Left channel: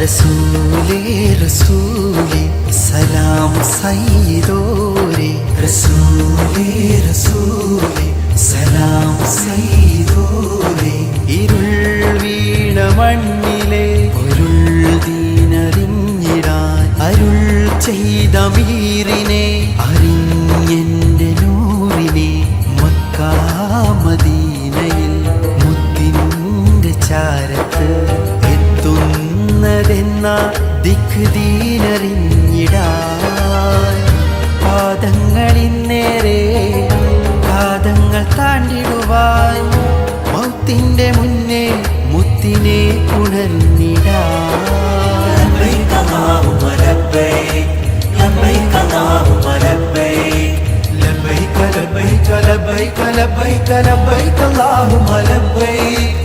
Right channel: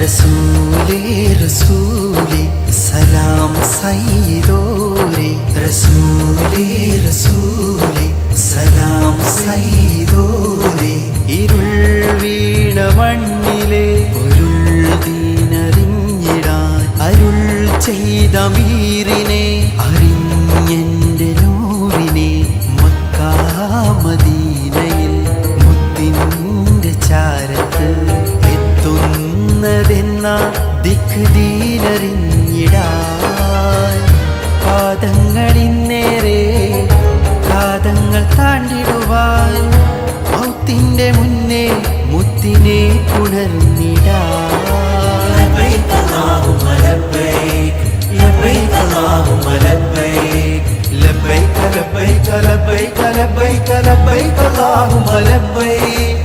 റസൂലേ റസൂലേ സലാം സയ്യിദോരേ റസൂലേ റസൂലേ സലാം സയ്യിദോരേ ഇരുൾ വീണ മണ്ണിലെ പൊരുൾ ദീനറിഞ്ഞിടാൻ അരുൾ ചെയ്ത മീറിനെ അറിഞ്ഞെന്റെ നൂറിനെ മക്കാ മദീനയിൽ മുത്തിൻ്റെ ചാരത്ത് എത്തുന്നതെന്ന ദിക്ക് ദീനറിഞ്ഞിടാൻ പാദങ്ങളിന്നേറെ കാതങ്ങൾ താണ്ടിടുവാൻ മൗത്തിൻ്റെ മുന്നേ മുത്തിനെ പുണർന്നിടാൻ لبيك لبيك لبيك لبيك لبيك اللهم لبيك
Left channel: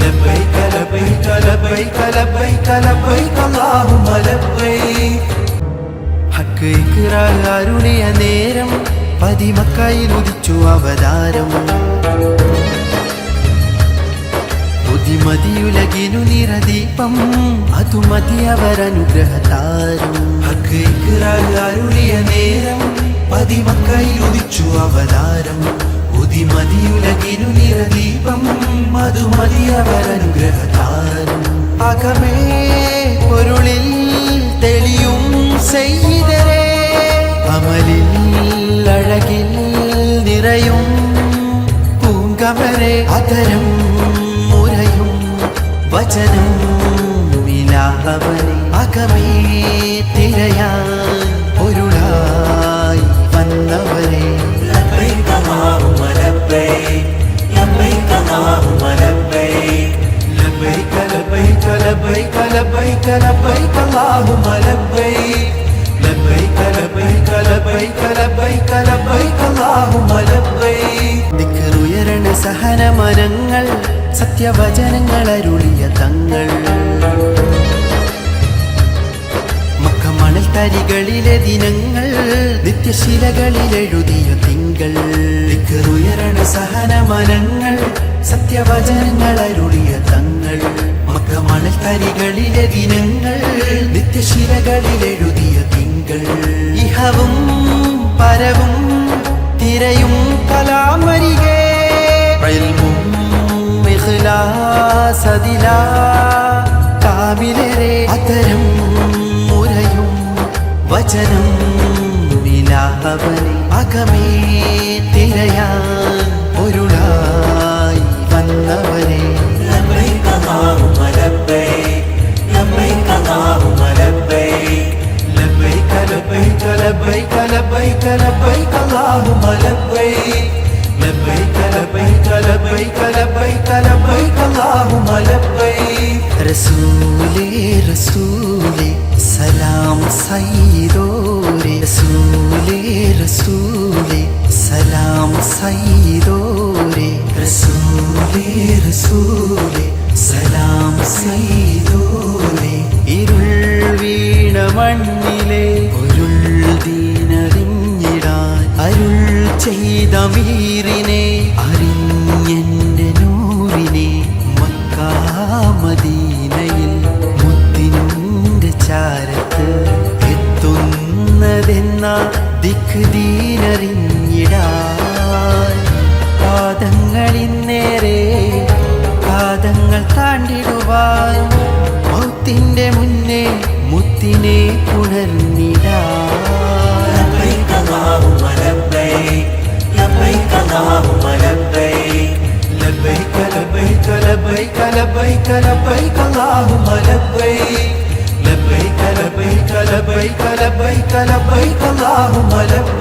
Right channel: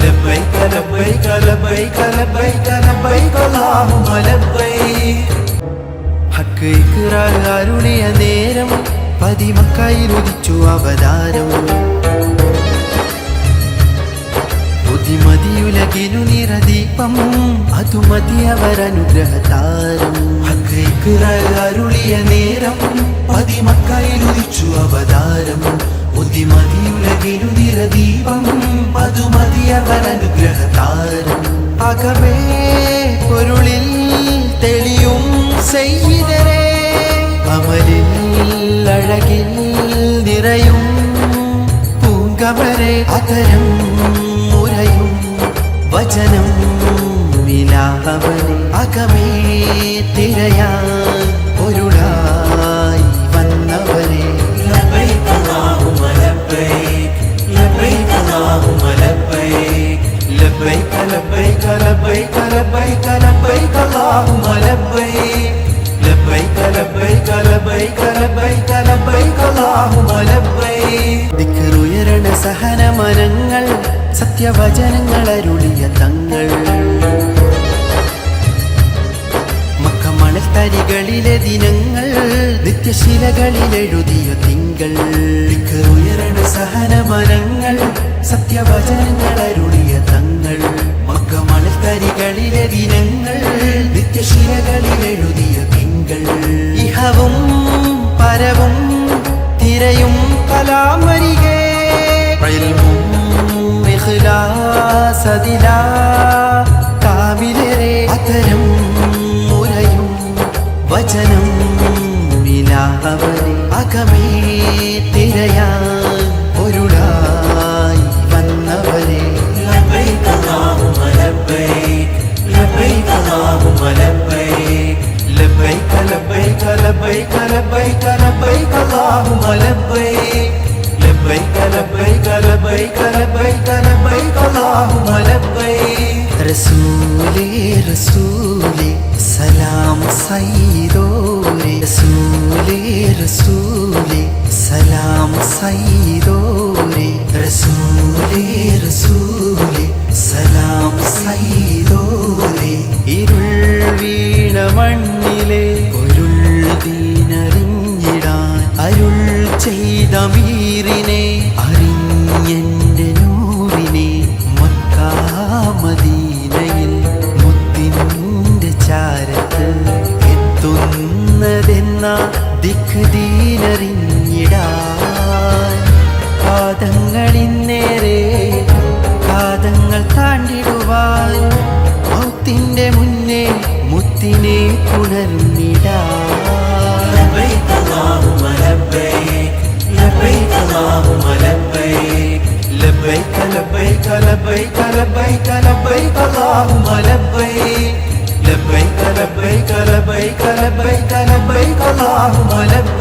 لبيك لبيك لبيك لبيك لبيك اللهم لبيك ഹക്ക് ഇഖ്റ അരുളിയ നേരം പതിമക്കയിൽ ഉദിച്ചു അവതാരം ബുദ്ധിമതിയുലകിനു നിറദീപം അതു മതി അവരനുഗ്രഹതാരം ഹക്ക് ഇഖ്റ അരുളിയ നേരം പതിമക്കയിൽ ഉദിച്ചു അവതാരം ബുദ്ധിമതിയുലകിനു നിറദീപം അതു മതി അവരനുഗ്രഹതാരം അകമേ പൊരുളിൽ തെളിയും സയ്യിദരേ അമലിൽ അഴകിൽ നിറയും പൂങ്കമരെ അതരം മുരയും വചനം മിലാഹവനെ അകമേ തിരയാൻ പൊരുളായി വന്നവരെ ലബൈക അല്ലാഹുമ്മ ലബൈക ലബൈക അല്ലാഹുമ്മ ലബൈക ലബൈക ലബൈക ലബൈക ലബൈക ലബൈക അല്ലാഹുമ്മ ലബൈക ലബൈക ലബൈക ലബൈക ലബൈക ലബൈക അല്ലാഹുമ്മ ലബൈക ദിക്റുയരണ സഹനമനങ്ങൾ സത്യവചനങ്ങൾ അരുളിയ തങ്ങൾ മക്ക മണൽ തരികളിലെ ദിനങ്ങൾ നിത്യശിലകളിൽ എഴുതിയ തിങ്കൾ ദിക്റുയരണ സഹനമനങ്ങൾ സത്യവചനങ്ങൾ അരുളിയ തങ്ങൾ മക്ക മണൽ തരികളിലെ ദിനങ്ങൾ നിത്യശിലകളിൽ എഴുതിയ തിങ്കൾ ഇഹവും പരവും തിരയും കലാമരികെ ഇഖ്ലാസദിലാ കാമിലരെ അതരം മുരയും വചനം മിലാഹവനെ അകമേ തിരയാൻ പൊരുളായി വന്നവരെ ലബൈക അല്ലാഹുമ്മ ലബൈക ലബൈക അല്ലാഹുമ്മ ലബൈക ലബൈക ലബൈക ലബൈക ലബൈക ലബൈക അല്ലാഹുമ്മ ലബൈക ലബൈക ലബൈക ലബൈക ലബൈക ലബൈക അല്ലാഹുമ്മ ലബൈക റസൂലേ റസൂലേ സലാം സയ്യിദോരേ റസൂലേ റസൂലേ സലാം സയ്യിദോരേ റസൂലേ റസൂലേ സലാം സയ്യിദോരേ ഇരുൾ വീണ മണ്ണിലെ പൊരുൾ ദീനറിഞ്ഞിടാൻ അരുൾ ചെയ്ത മീറിനെ അറിഞ്ഞെന്റെ നൂറിനെ മക്കാ മദീനയിൽ മുത്തിൻ്റെ ചാരത്ത് എത്തുന്നതെന്ന ദിക്ക് ദീനറിഞ്ഞിടാൻ പാദങ്ങളിന്നേറെ കാതങ്ങൾ താണ്ടിടുവാൻ മൗത്തിൻ്റെ മുന്നേ മുത്തിനെ പുണർന്നിടാൻ ലബൈക അല്ലാഹുമ്മ ലബൈക ലബൈക അല്ലാഹുമ്മ ലബൈക ലബൈക ലബൈക ലബൈക ലബൈക ലബൈക അല്ലാഹുമ്മ ലബൈക ലബൈക ലബൈക ലബൈക ലബൈക ലബൈക അല്ലാഹുമ്മ ലബൈക